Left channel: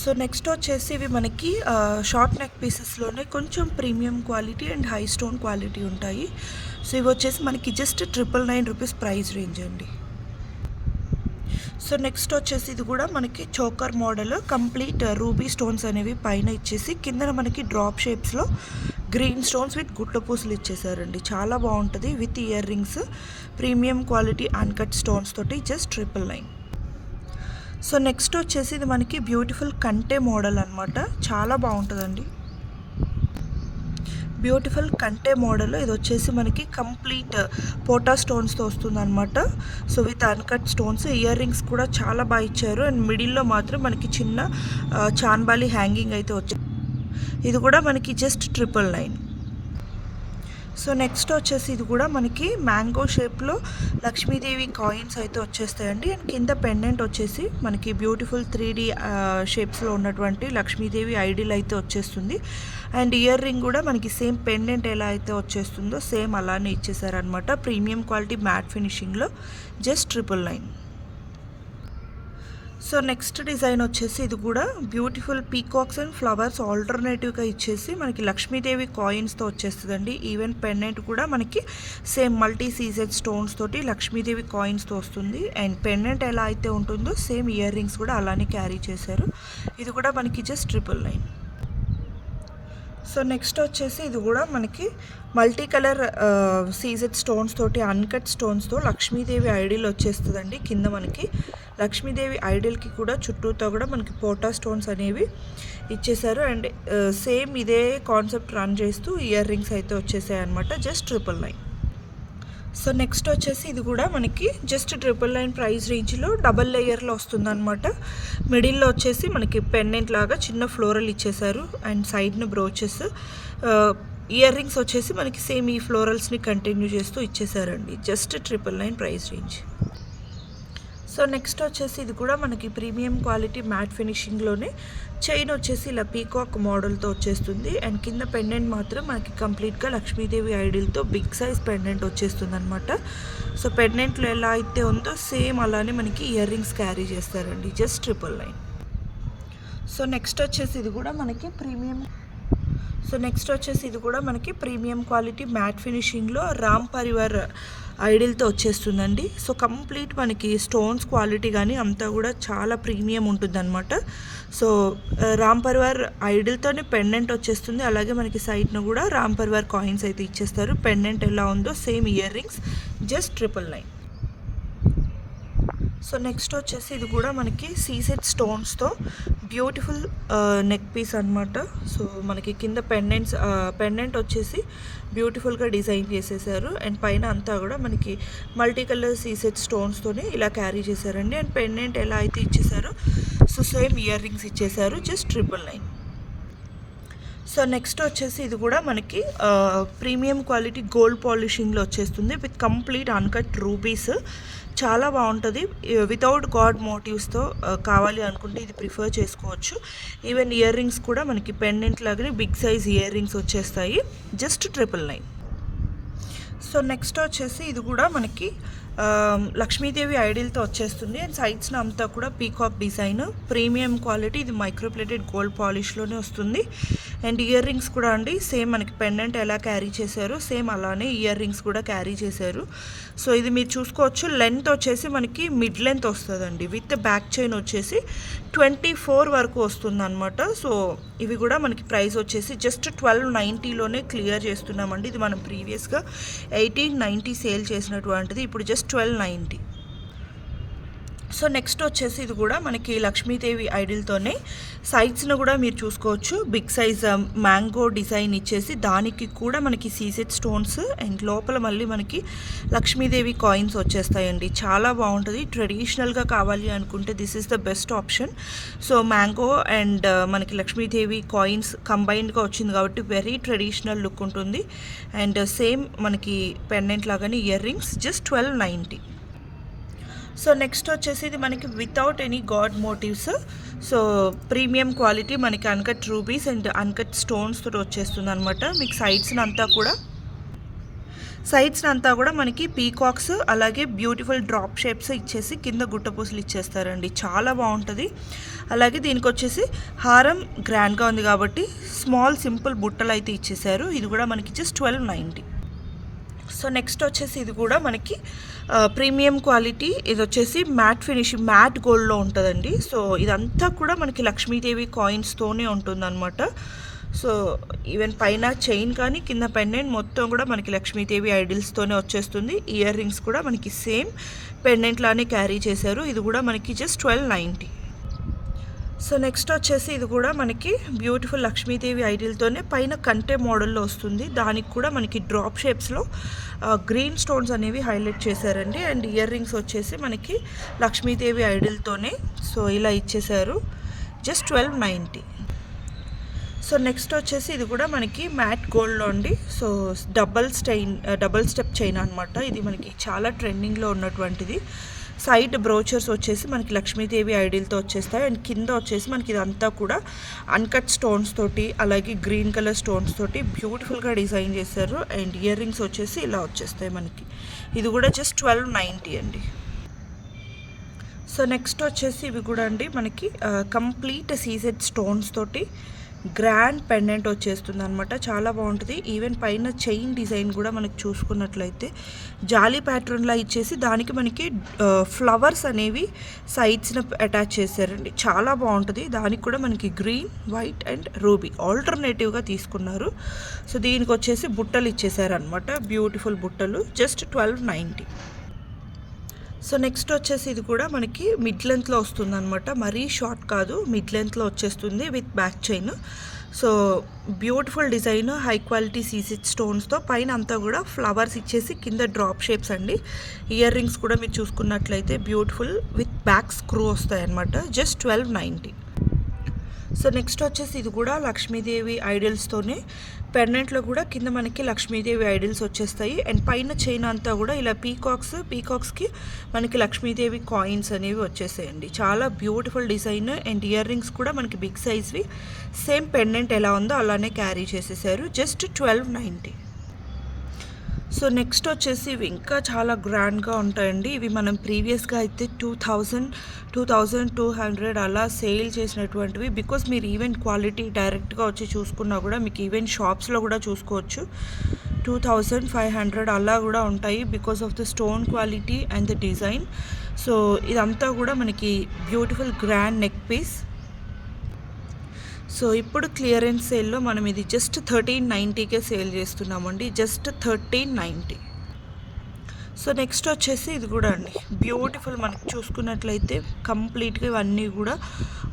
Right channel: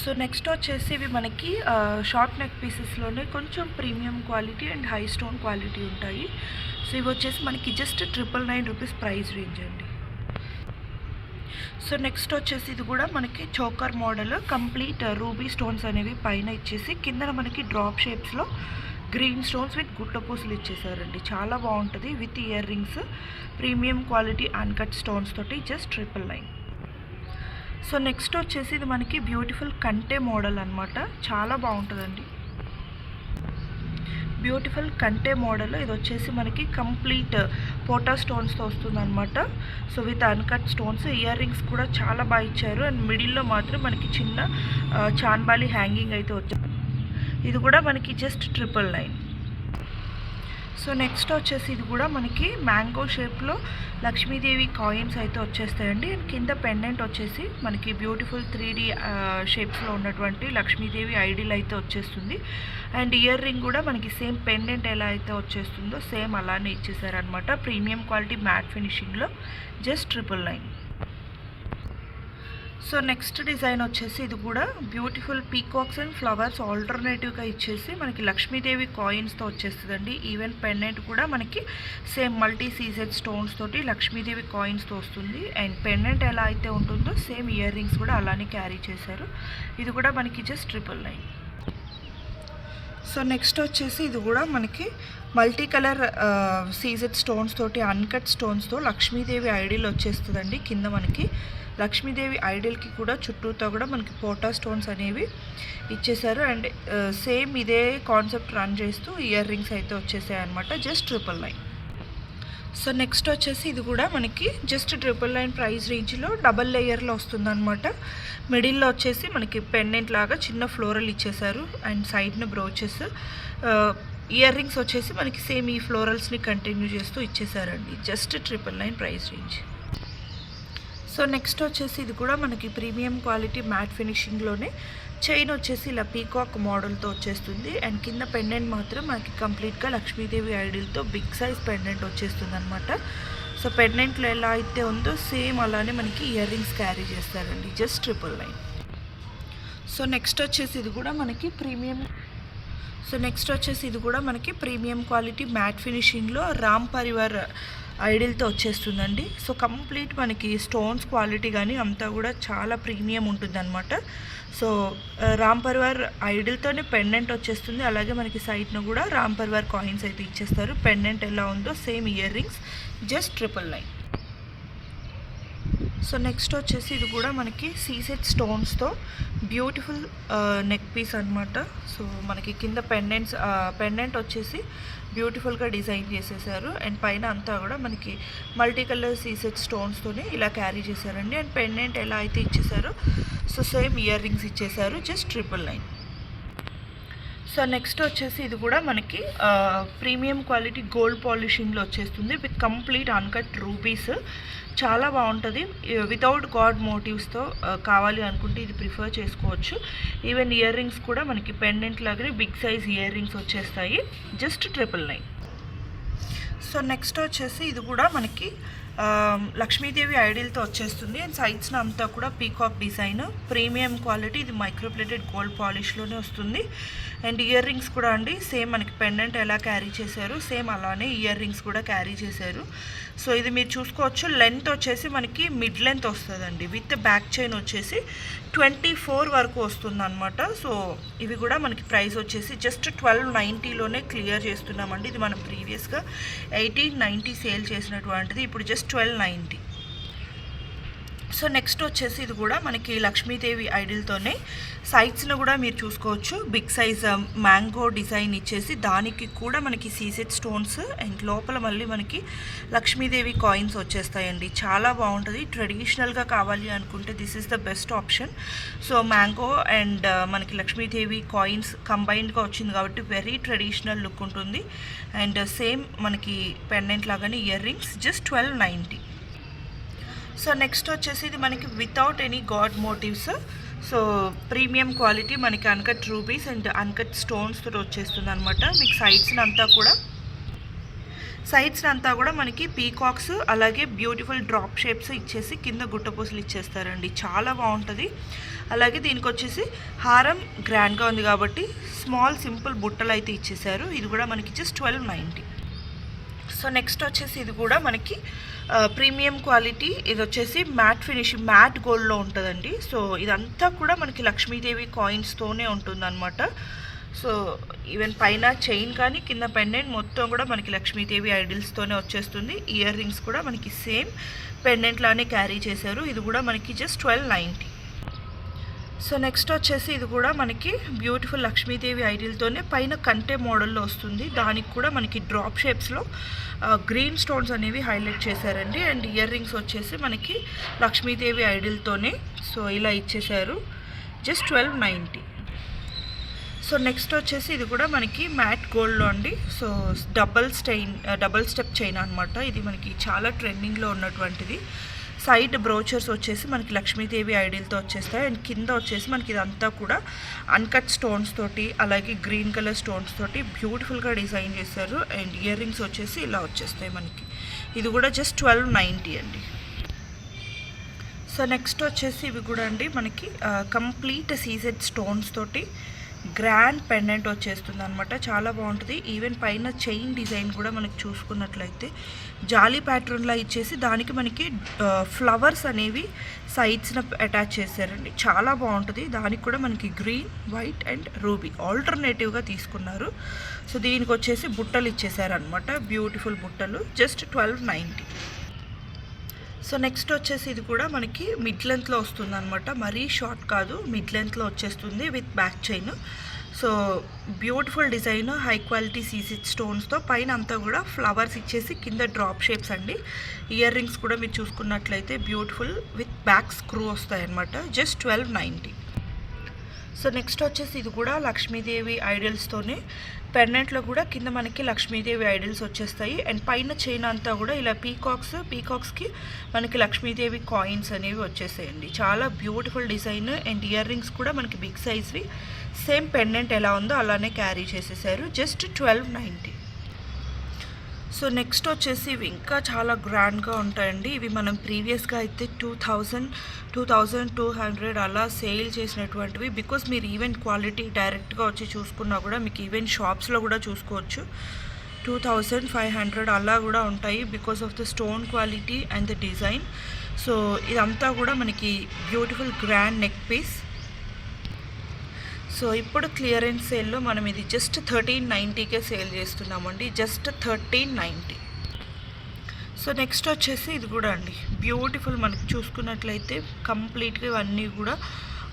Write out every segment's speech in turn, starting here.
So next వచ్చేసి ఇవి మనకి షార్ట్ నెక్ పీసెస్లోనే కొంచెం premium quality and high stone quality ఉంటాయి. సో ఇవి వచ్చేసి మనకి జస్ట్ 999 రూపీస్ ప్రైస్ రేంజ్ అండి. సో నెక్స్ట్ వచ్చేసి ఇది కూడా మనకి choker model complete ruby stones అనేవి పైన ఇచ్చేసి కింద మనకి డ్రాప్ షేప్స్లో గ్రీన్ స్టోన్స్ విత్ గుట్ట పూసలు ఇచ్చేసారండి. చాలా బాగుంటుంది with ear rings, premium quality uncut stones తోటి జస్ట్ 999. సో నెక్స్ట్ వచ్చేసి ఇది మనకి బ్యూటిఫుల్ కంటే మోడల్ అనమాట. చాలా బాగుంటుందండి. బ్యూటిఫుల్ కంటే మోడల్ ఇది వచ్చేసి మనకి కంప్లీట్ పోటా స్టోన్స్తో వస్తుంది అనమాట. So with uncut stones, year rings కూడా చాలా బాగా ఇచ్చారు. అండ్ మిడిల్లో మాత్రం మనకి చిన్న చాన్బాలి హ్యాంగింగ్ అయితే వచ్చాయి. ఇది కూడా మనకి జస్ట్ 999. సో నెక్స్ట్ వచ్చేసి ఇది కూడా మనకి మ్యాంగో షేప్లో లక్ష్మీదేవి కాయిన్స్ అయితే వచ్చేస్తాయండి. అండ్ కింద పెండెంట్ వచ్చేసి మనకి బ్యూటిఫుల్ 3D షేప్స్లో ఉన్నటువంటి లక్ష్మీదేవి ఐడిల్ అయితే వచ్చేస్తుంది. అండ్ ఇయర్ రింగ్ కూడా మనకి సేమ్ పెండెంట్ ఎలా అయితే వచ్చేస్తుందో సేమ్ అలానే ఇచ్చేసారనమాట. ప్రీమియం క్వాలిటీ మ్యాట్ ఫినిషింగ్లో జస్ట్ 999. సో నెక్స్ట్ డిజైన్ వచ్చేసి ఇది కూడా బ్యూటిఫుల్ పీకాక్స్ అండ్ ఫ్లవర్స్ ఆల్టర్నేటివ్గా ఇచ్చేసి మనకి లక్ష్మీదేవి కాయిన్స్తో వచ్చేస్తుందండి. ఈవెన్ పెండెంట్ కూడా మనకి సేమ్ మల్టీ సీజెడ్ స్టోన్స్ తోటి లక్ష్మీదేవి కాయిన్స్తో వస్తుంది. అండ్ పెండెంట్ ఎలా అయితే ఉంటుందో సేమ్ ఇయర్ రింగ్స్ కూడా అలానే క్యారీ చేశారు. ఇది కూడా మనకి జస్ట్ 999. సో నెక్స్ట్ వచ్చేసి ఇది కూడా మనకి మల్టీ కలర్ సీజెడ్ స్టోన్స్ తోటి అన్కట్ స్టోన్స్తో లక్ష్మీదేవి ఐడిల్ వచ్చేస్తుందండి. కింద మనకి లక్ష్మీదేవి ఐడిల్కి కూడా చుట్టూతో కూడా మనకి పోటా స్టోన్స్ అనేవి ఇచ్చేసారు. అండ్ సేమ్ ఇదే కాన్సెప్ట్ రన్ చేస్తూ ఇయర్ రింగ్స్ అయితే వచ్చేసాయి అనమాట. జస్ట్ 999. సో నెక్స్ట్ వచ్చేసి ఇది కూడా మనకి జస్ట్ 999 ప్రైస్ రేంజ్లో డబల్ లేయర్లో వస్తుందన్నమాట. మిడిల్లో వచ్చేసి మనకి పెండెంట్ లాగా చిన్న ఫ్లోరల్ ఇచ్చేసారు. అండ్ సైడ్న బ్రోచెస్, ఇయర్ రింగ్స్ వచ్చేసి మనకి సేమ్ ఈ ఫ్లోరల్స్ని కంటిన్యూ చేస్తూ ఇచ్చేసారండి. Just 999 price range. So next వచ్చేసి ఇది కూడా మనకి ప్రీమియం క్వాలిటీ మ్యాట్ ఫినిషింగ్లోనే చైన్ వచ్చేసి ఇలా పీకాక్ మోడల్తో వచ్చేస్తుంది. అండ్ కింద పెండెంట్ మాత్రం మనకి కంప్లీట్గా లక్ష్మీదేవి ఐడిల్తో బిగ్ సైజ్ పెండెంట్ వచ్చేస్తుంది అనమాట. సో పెండెంట్లో ఎలా అయితే ఉందో సేమ్ అలానే మనకి ఇయర్ రింగ్స్ క్యారీ చేస్తారండి. జస్ట్ 999. సో నెక్స్ట్ వచ్చేసి ఇది కూడా మనకి ప్రీమియం క్వాలిటీ మ్యాట్ ఫినిషింగ్లో రామ్ పరివార్ ఐడిల్తో వచ్చేస్తుందండి. సో కంప్లీట్ మనకి స్టోన్స్ క్వాలిటీ కానీ అంతా కూడా చాలా ప్రీమియం ఉంటుందన్నమాట. సో రామ్ పరివార్ ఐడిల్తోనే పెండెంట్ వచ్చేస్తుంది. అలాగే మనకి సైడ్ను కూడా రామ్ పరివార్ కాయిన్స్ అయితే ఇచ్చేస్తారు. పెండెంట్ ఎలా ఉందో same year rings just 999. So next వచ్చేసి ఇది కూడా మనకి సీసెడ్ స్టోన్స్తో బ్యూటిఫుల్ నెక్ పీస్ అనమాట. సో మనకి కింద పెండెంట్ వచ్చేసి బ్యూటిఫుల్గా డిజైన్ చేసేసారు. అండ్ పైన అంతా కూడా మనకి మల్టీ కలర్ సీసెడ్ స్టోన్స్తోనే ఇలా క్యారీ చేశారండి. అండ్ పెండెంట్ ఎలా అయితే ఇచ్చేసారో సో సేమ్ ఇయర్ రింగ్స్ ఇచ్చేసారు. జస్ట్ 999. సో నెక్స్ట్ వచ్చేసి ఇది కూడా మనకి ప్రీమియం క్వాలిటీ గోల్డ్ పాలిషింగ్లో వచ్చేస్తుంది విత్ కంప్లీట్ అన్కట్ రూబీస్. చాలా బాగుంటుంది. వితౌట్ గాడ్ మోటివ్స్తో కావాలి అనుకుంటే ఇది ప్రిఫర్ చేసుకోవచ్చు. ఈవెన్ ఇయర్ రింగ్స్ కూడా మనకి పెండెంట్ లాగానే బిగ్ సైజ్ ఇయర్ రింగ్స్ వచ్చేస్తాయి. జస్ట్ 999. సో నెక్స్ట్ వచ్చేసి ఇది కూడా మనకి లక్ష్మీదేవి ఐడిల్తో వచ్చేస్తుంది. అండ్ సైడ్స్న అంతా కూడా పీకాక్ డిజైన్, ప్రీమియం క్వాలిటీ. ఇది మైక్రోప్లేటెడ్ గోల్డ్ పాలిష్లోనే వస్తుంది. అండ్ ఇయర్ రింగ్స్ కూడా అండి సేమ్ మనకి పెండెంట్ ఎలా క్యారీ చేశారు సేమ్ అలానే ఇయర్ రింగ్స్ కూడా క్యారీ చేశారు. సో ఇది మీరు చూసుకోవచ్చు. లెంత్ వచ్చేసి మనకి మిడ్ లెంత్ వస్తుందండి. విత్ బ్యాక్ చైన్ వచ్చేసి 24 వరకు వస్తుంది అనమాట. సో ఇవి కూడా మనకి ప్రైస్ వచ్చేసి జస్ట్ 1290లోనే క్లియర్ చేస్తున్నామండి. ఇది మనం ప్రీవియస్గా 1890 సేల్ చేసినటువంటిది, ఇప్పుడు జస్ట్ 1290. సో నెక్స్ట్ వచ్చేసి ఇది కూడా మనకి లక్ష్మీదేవి ఐడిల్తోనే సైడ్స్లో కూడా మీరు చూసుకోవచ్చు బిగ్ సైజ్ మ్యాంగో డిజైన్ ఇచ్చేసి దానికి కూడా మనకి సీసెడ్ స్టోన్స్ అండ్ లోపల మళ్ళీ మనకి లక్ష్మీదేవి కాయిన్స్ వచ్చేస్తాయండి. చాలా బాగుంటుంది. ట్రెడిషనల్గా కావాలి అనుకుంటే this is the best option. So mango and మనకి లక్ష్మీదేవి కాయిన్స్ కంబైన్డ్గా వచ్చింది కాబట్టి వెరీ ట్రెడిషనల్ లుక్ ఉంటుంది. అండ్ సేమ్ మనకి పెండెంట్ లాగానే ear rings just 1290. So next వచ్చేసి ఇది మనకి without any god motifs. So premium quality మనకి uncut rubies and uncut stones తోటి వచ్చేస్తుంది అనమాట. మీకు సైడ్స్ని అంతా కూడా మనకి పీకాక్స్ అలాగే బ్యూటిఫుల్ డ్రాప్ షేప్స్ ఇచ్చేసి కింద గుట్టపూసలు ఇచ్చేస్తారండి. చాలా బాగుంటుంది. అలాగే దీనికి వచ్చేసి హారం గ్రాండ్గా ఉంది కాబట్టి స్మాల్ సింపుల్ బుట్టలు అయితే ఇచ్చేసారు. ఇది కూడా మనకి జస్ట్ 1290. సో నెక్స్ట్ వచ్చేసి ఇది కూడా మనకి ప్రీమియం క్వాలిటీ. ఇది వచ్చేసి మ్యాట్ ఫినిష్, మ్యాట్ గోల్డ్లో ఉంటుందండి. సో ఇదంతా కూడా మనకి లక్ష్మీదేవి కాయిన్స్తోనే ఉంటుందన్నమాట. సో ఈవెన్ పైన చైన్ కానీ కింద పెండెంట్ మొత్తం కూడా మనకి లక్ష్మీదేవి ఐడిల్స్తోనే వచ్చేస్తుంది. ఇయర్ రింగ్స్ కూడా మనకి సేమ్ పెండెంట్ లానే క్యారీ చేశారు. ఇది కూడా మనకి జస్ట్ 1290. సో నెక్స్ట్ వచ్చేసి ఇది కూడా మనకి బ్యూటిఫుల్ లక్ష్మీదేవి ఐడిల్తోనే పైన కంటే మోడల్లో వస్తుంది. దానికి కూడా మనకి డ్రాప్ షేప్స్లో గ్రీన్ స్టోన్స్ అనేవి హైలైట్ చేశారండి. అండ్ ఇయర్ రింగ్స్ వచ్చేసి మనకి లక్ష్మీదేవి ఐడిల్తోనే సో ఇలా ఇచ్చేశారు. జస్ట్ 1290. సో నెక్స్ట్ వచ్చేసి ఇది కూడా మనకి మ్యాట్ గోల్డ్లో అండి. సో డబల్ స్టెప్ చైన్ అనమాట. ఇది మనకి చాలా ట్రెండింగ్లో ఉన్నటువంటిది. సైడ్ బ్రోచర్స్ వచ్చేసి మనకి లక్ష్మీదేవి ఐడిల్తో వచ్చేస్తాయి. అండ్ కింద వచ్చేసి మనకి ఇదంతా కూడా అన్కట్ స్టోన్స్ తోటి అలాగే గ్రీన్ కలర్ స్టోన్స్ తోటి బ్యూటిఫుల్గా డిజైన్ చేశారు. అండ్ ఇయర్ రింగ్స్ వచ్చేసి ఇలా వచ్చేస్తాయి మనకి. ఇది కూడా జస్ట్ 1290 అండి. సో నెక్స్ట్ వచ్చేసి ఇవి కూడా అండి మనకి కంప్లీట్ సీజెడ్ స్టోన్స్ తోటి గ్రాండ్ పెండెంట్ వచ్చేస్తుంది అనమాట. చాలా బాగుంటుంది. ఈవెన్ పైన చైన్ డిజైన్ కూడా మనకి చూసుకున్నట్లయితే జాలీ ప్యాటర్న్లా ఇచ్చేసి దానికి మనకి ఫ్లవర్స్ అనేవి సైడ్స్న అటాచ్ చేశారండి. చాలా బాగుంటుంది. దానికి కూడా మనకి గ్రీన్, వైట్ అండ్ రూబీ ఆల్టర్నేటివ్గా తీసుకున్నారు. సో దీనికి వచ్చేసి బుట్టలు ఇచ్చేసారనమాట. బ్యూటిఫుల్ బుట్టలు. జస్ట్ 1290. సో నెక్స్ట్ వచ్చేసి ఇది కూడా మనకి మిడ్ లెంత్లో వస్తుంది అనమాట. మరీ షార్ట్ కాదు, మిడ్ లెంత్లో వచ్చేస్తుంది with back chain. So beautiful design, high quality సీసెడ్ స్టోన్స్తో పైన అంతా కూడా ఫ్లవర్స్ ఇచ్చేసి కింద డ్రాప్ షేప్స్ అండి. ఇయర్ రింగ్స్ కూడా మీరు చూసుకున్నట్లయితే బ్యూటిఫుల్ విత్ బ్యాక్ స్క్రూ వస్తాయన్నమాట. జస్ట్ 1290. సో నెక్స్ట్ వచ్చేసి ఇది కూడా లక్ష్మీదేవి ఐడల్స్తోనే పెండెంట్లో కూడా కింద మనకి లక్ష్మీదేవి ఐడల్స్ వచ్చేస్తాయి. అండ్ పైన చైన్ అంతా కూడా ఇలా పీకాక్స్కి మనకి లక్ష్మీదేవి కాయిన్స్ అనేవి వచ్చేసాయండి. చాలా beautiful design. And ear rings కూడా మనకి బిగ్ సైజ్వి సేమ్ పెండెంట్ ఎలా ఉందో అలానే క్యారీ చేసేసారు. జస్ట్ 1290. సో నెక్స్ట్ వచ్చేసి ఇవి ఇంకా చాలా గ్రాండ్గా ఉంటాయండి. ఇవి మనం ప్రీవియస్గా అయితే 2200 అలా సేల్ చేసినటువంటివి. బికాస్ మీరు ఈవెన్ క్వాలిటీ డైరెక్ట్గా వచ్చి చూసుకున్నా కూడా మీకు ఈవెన్ షాప్స్లో కూడా చూసుకోవచ్చు 2500 అలా కూడా ఉంటాయి. Because of the stone quality and the design. So ఇదంతా కూడా మనకి beautiful grand neck piece. So ఇప్పుడు క్లియరెన్స్ సేల్లో మనం ఇది జస్ట్ 1390కే సేల్ చేస్తున్నామండి. జస్ట్ 1390. సో నెక్స్ట్ వచ్చేసి ఇది కూడా అండి బ్యూటిఫుల్. మనకి చూసుకున్నట్లయితే కంప్లీట్గా ఇవన్నీ కూడా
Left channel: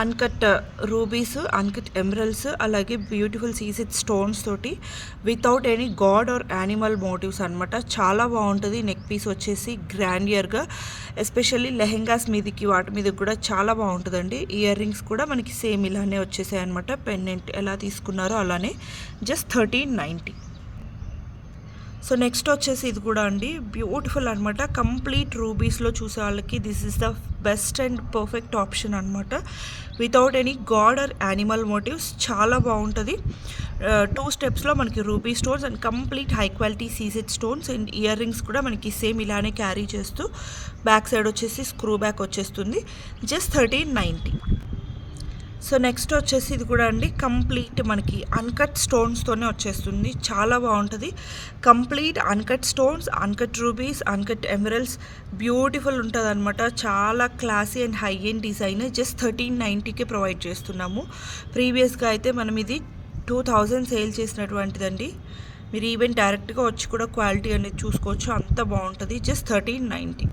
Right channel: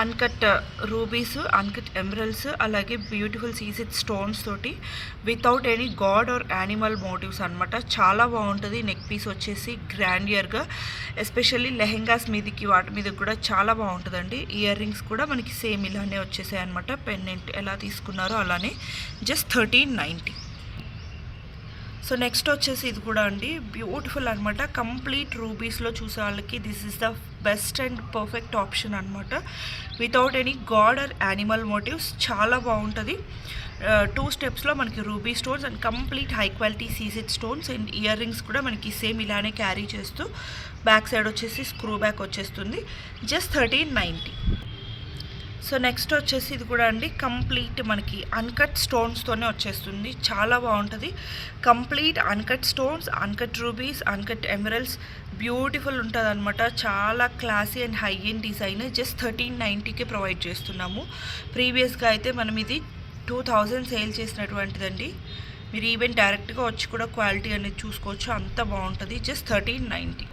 అన్కట్ రూబీస్, అన్కట్ ఎమరల్డ్స్ అలాగే బ్యూటిఫుల్ సీసెడ్ స్టోన్స్ తోటి without any god or animal motives అనమాట. చాలా బాగుంటుంది. నెక్ పీస్ వచ్చేసి గ్రాండియర్గా, ఎస్పెషల్లీ లెహెంగాస్ మీదకి వాటి మీద కూడా చాలా బాగుంటుందండి. ఇయర్ రింగ్స్ కూడా మనకి సేమ్ ఇలానే వచ్చేసాయి అనమాట. పెండెంట్ ఎలా తీసుకున్నారో అలానే. జస్ట్ 1390. సో నెక్స్ట్ వచ్చేసి ఇది కూడా అండి బ్యూటిఫుల్ అనమాట. కంప్లీట్ రూబీస్లో చూసే వాళ్ళకి this is the best and perfect option అనమాట. Without any god or animal motifs. చాలా బాగుంటుంది. 2 స్టెప్స్లో మనకి ruby stones and complete high quality సీసెడ్ స్టోన్స్. అండ్ ఇయర్ రింగ్స్ కూడా మనకి సేమ్ ఇలానే క్యారీ చేస్తూ బ్యాక్ సైడ్ వచ్చేసి స్క్రూ బ్యాక్ వచ్చేస్తుంది. జస్ట్ 1390. సో నెక్స్ట్ వచ్చేసి ఇది కూడా అండి కంప్లీట్ మనకి అన్కట్ స్టోన్స్తోనే వచ్చేస్తుంది. చాలా బాగుంటుంది. Complete uncut stones, uncut rubies, uncut emeralds beautiful ఉంటుంది అనమాట. చాలా classy and high end design. Just 1390కే ప్రొవైడ్ చేస్తున్నాము. ప్రీవియస్గా అయితే మనం ఇది 2000 సేల్ చేసినటువంటిదండి. మీరు ఈవెన్ డైరెక్ట్గా వచ్చి కూడా క్వాలిటీ అనేది చూసుకోవచ్చు. అంత బాగుంటుంది. జస్ట్ 1390.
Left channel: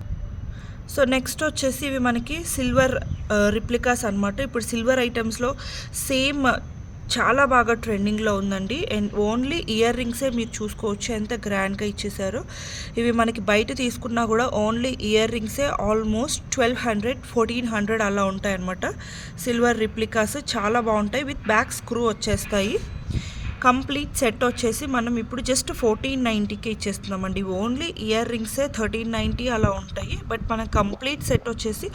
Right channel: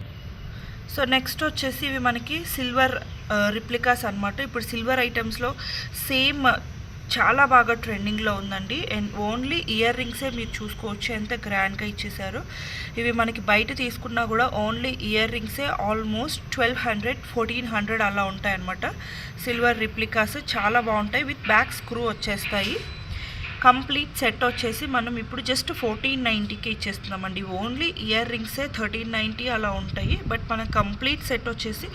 సో నెక్స్ట్ వచ్చేసి ఇవి మనకి సిల్వర్ రిప్లికాస్ అనమాట. ఇప్పుడు సిల్వర్ ఐటమ్స్లో సేమ్ చాలా బాగా ట్రెండింగ్లో ఉందండి. అండ్ ఓన్లీ ఇయర్ రింగ్సే మీరు చూసుకోవచ్చు ఎంత గ్రాండ్గా ఇచ్చేసారు. ఇవి మనకి బయట తీసుకున్నా కూడా ఓన్లీ ఇయర్ రింగ్సే ఆల్మోస్ట్ 1200, 1400 అలా ఉంటాయన్నమాట. సిల్వర్ రిప్లికాస్ చాలా బాగుంటాయి. విత్ బ్యాక్ స్క్రూ వచ్చేస్తాయి. కంప్లీట్ సెట్ వచ్చేసి మనం ఇప్పుడు జస్ట్ 1490కి ఇచ్చేస్తున్నామండి. ఓన్లీ ఇయర్ రింగ్సే 1390 అలా ఉంటాయి. బట్ మన కంప్లీట్ సెట్ వచ్చేసి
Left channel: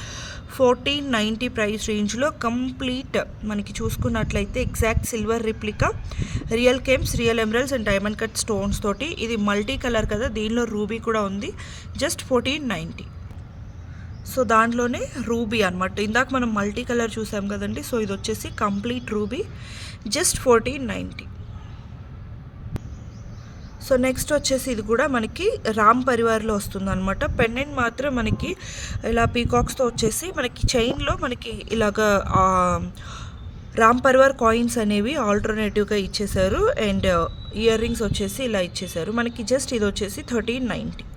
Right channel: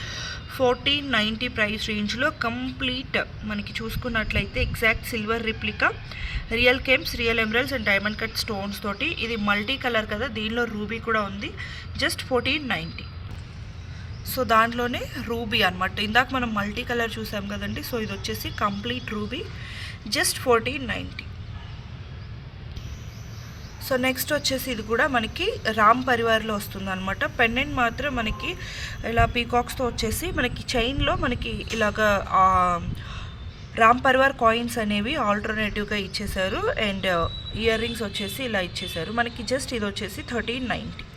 1490 ప్రైస్ రేంజ్లో కంప్లీట్ మనకి చూసుకున్నట్లయితే exact silver replica, real gems, real emeralds and diamond cut stones తోటి. ఇది మల్టీ కలర్ కదా, దీనిలో రూబీ కూడా ఉంది. జస్ట్ 1490. సో దాంట్లోనే రూబీ అనమాట. ఇందాక మనం మల్టీ కలర్ చూసాం కదండి. సో ఇది వచ్చేసి complete ruby, just 1490. So next వచ్చేసి ఇది కూడా మనకి రామ్ పరివార్లో వస్తుంది అనమాట. పెండెంట్ మాత్రం మనకి ఇలా పీకాక్స్తో వచ్చేసి మనకి చైన్లో మనకి ఇలాగా రామ్ పరివార్ కాయిన్స్ అనేవి ఆల్టర్నేటివ్గా ఇచ్చేసారు. అండ్ ఇయర్ రింగ్స్ వచ్చేసి ఇలా ఇచ్చేసారు మనకి. జస్ట్ ఇది వచ్చేసి 1390.